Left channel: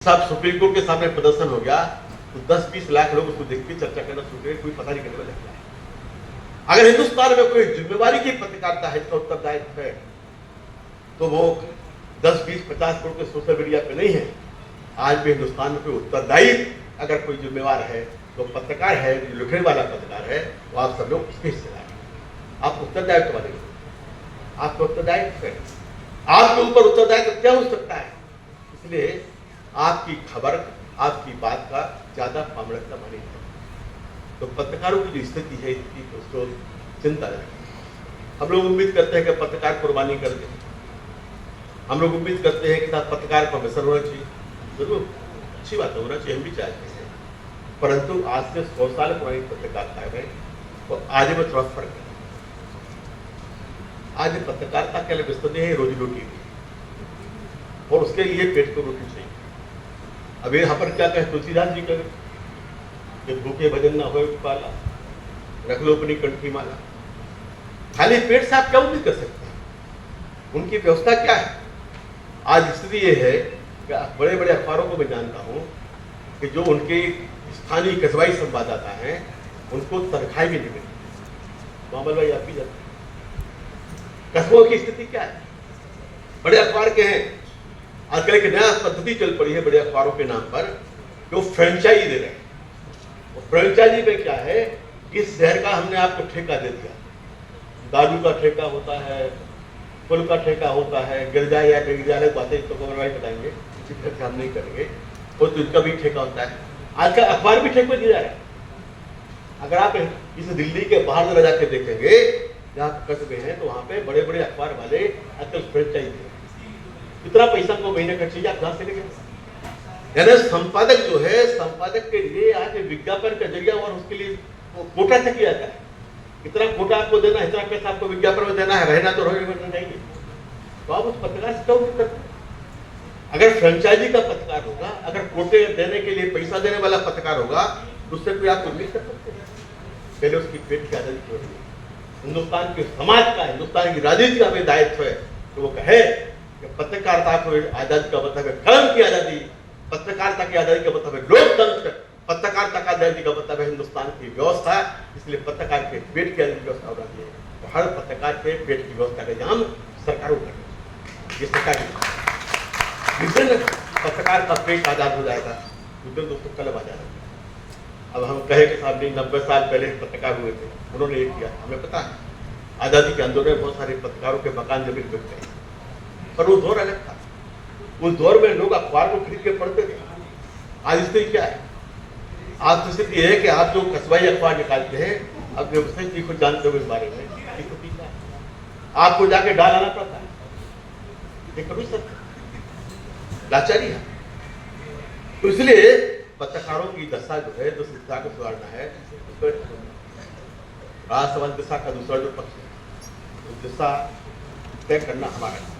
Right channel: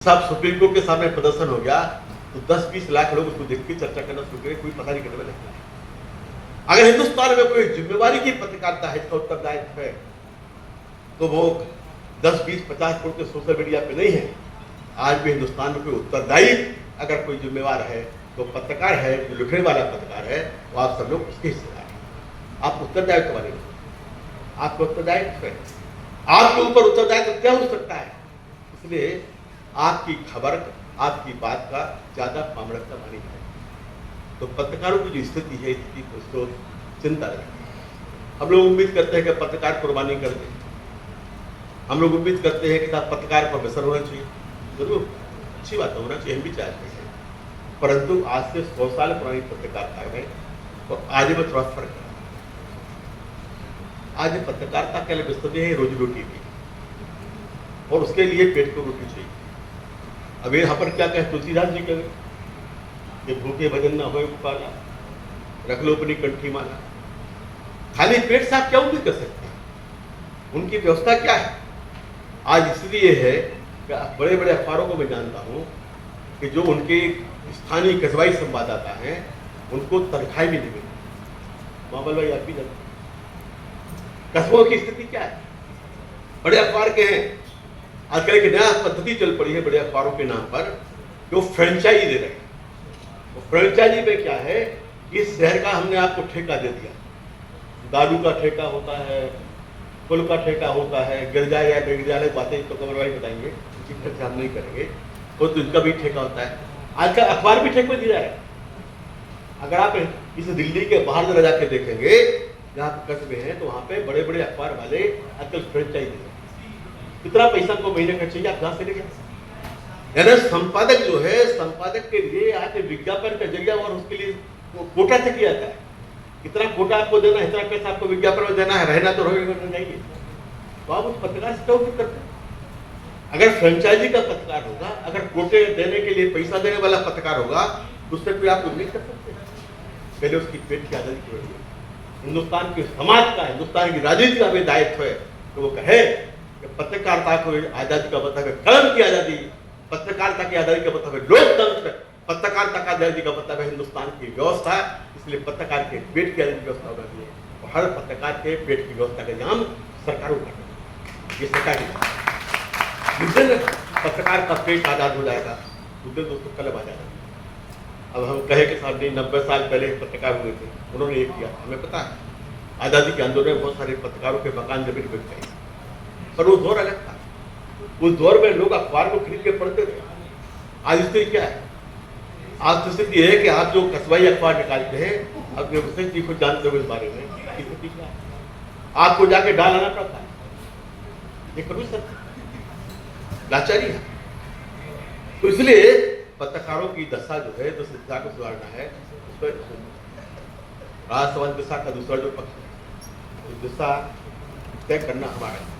साहब supreme court के सामने प्रदर्शन हो गया तो 10-20 लाख लोग उसको देख के चर्चा करना शुरू करें, कोई पता नहीं करने वाला है। अगर हिंदुस्तान में कोई जिम्मेवारी की पत्रकारिता है, उत्तरदायित्व है, तो वो 10-20-50 करोड़ के सोशल मीडिया पे नहीं है। आज भी हिंदुस्तान में कोई उत्तरदायी अगर कोई जिम्मेवार है तो पत्रकार है, जो लिखने वाला पत्रकार है, वो आप सब लोग उसके हिस्सेदार हैं। आप उत्तरदायित्व वाले लोग, आपको उत्तरदायित्व है, आपके ऊपर उत्तरदायित्व क्या हो सकता है। इसलिए आपकी खबर, आपकी बात का ज्यादा प्रामाणिकता मानी है। तो पत्रकारों की जो स्थिति है, इसकी तो चिंता रहे। हम लोग उम्मीद करते हैं कि पत्रकार कुर्बानी कर दे। हम लोग उम्मीद करते हैं कि पत्रकार पर असर होना चाहिए। जरूर अच्छी बात होना चाहिए, हम भी चाहते हैं, परंतु आज से 100 साल पुरानी पत्रकारिता है और आज में थोड़ा फर्क है। आज पत्रकारिता के लिए विस्तृत है रोजी रोटी की, और उसके लिए पेट को रोटी चाहिए। अब यहाँ पर क्या कहे तुलसीदास जी कहे कि भूखे भजन न हो पाला, रख लो अपनी कंठी माला। खाली पेट से आप क्या उम्मीद कर सकते हैं? उनकी व्यवस्था क्या है? आज स्थिति ये है कि बड़े बड़े अखबारों को मैं जानता हूँ कि जो उनके स्थानीय कस्बाई संवाददाता हैं, उनको तनख्वाही भी नहीं मिलती। मामल भाई आपकी कस्बों की स्थिति क्या है? बड़े अखबार के हैं, आजकल एक नया पद्धति चल पड़ी है बड़े अखबारों के नाम पर, जो फ्रेंचाइजी दे रहे हैं। वो फ्रेंचाइजी में क्या है, इस शहर का हमने आपको ठेका दे दिया। दारू का ठेका होता है, पुल का ठेका होता है, गिरजा या विद्यालय बातें तो भाई बताएंगे, हम नहीं करेंगे। तो इनका भी ठेका होता है। आजकल अखबार भी ठेके दिया है। अगर आप इस दिल्ली के बाहर जरा जाके देखेंगे, जहाँ कस्बे हैं, तो वहाँ पे बड़े बड़े अखबार वाले आजकल फ्रेंचाइजी दे रहे हैं। कितना पैसा को महीने का चाहिए, आप कहां से लेंगे? यानी संपादक जो है, संपादक के लिए आके विज्ञापन का जरिया और उसके लिए कोटा तक किया जाता है। कितना कोटा आपको देना है, इतना पैसा आपको विज्ञापन में देना है, रहना तो नहीं। तो आप उस पत्रकार से क्यों करते हैं? अगर फ्रेंचाइजी का पत्रकार होगा, अगर कोटे देने के लिए पैसा देने वाला पत्रकार होगा, उससे कोई आप उम्मीद कर सकते हैं? पहले उसकी पेट की आदत है। हिंदुस्तान के समाज का, हिंदुस्तान की राजनीति का भी दायित्व है तो वो कहे पत्रकारिता को आजादी का मतलब है कलम की आजादी, पत्रकारिता की आजादी का मतलब है लोकतंत्र, पत्रकारिता का आजादी का मतलब है हिंदुस्तान की व्यवस्था। इसलिए पत्रकार के पेट की आजादी की व्यवस्था होना चाहिए, और हर पत्रकार के पेट की व्यवस्था का इंतजाम सरकारों का। ये सरकार जिस दिन पत्रकार का पेट आजाद हो जाएगा, उस दिन दोस्तों कलम आ जाएगा। अब हम कहे कि साहब जी 90 साल पहले पत्रकार हुए थे, उन्होंने ये किया, हमें पता है। आजादी के आंदोलन में बहुत सारे पत्रकारों के मकान जमीन बिक गए, पर वो दौर अलग था। उस दौर में लोग अखबार को खरीद के पढ़ते थे। आज स्थिति क्या है? आज स्थिति है कि आप जो कस्बाई अखबार निकालते हैं, अब व्यवस्थित कुछ जानते हो इस बारे में, स्थिति क्या है? आपको जाके डालना पड़ता है। ये कभी सत्य लाचारी है। तो इसलिए पत्रकारों की दशा जो है, जो शिक्षा को सुधारना है, उस पर राजसभा दिशा का दूसरा जो पक्ष है, उस दिशा तय करना हमारा है।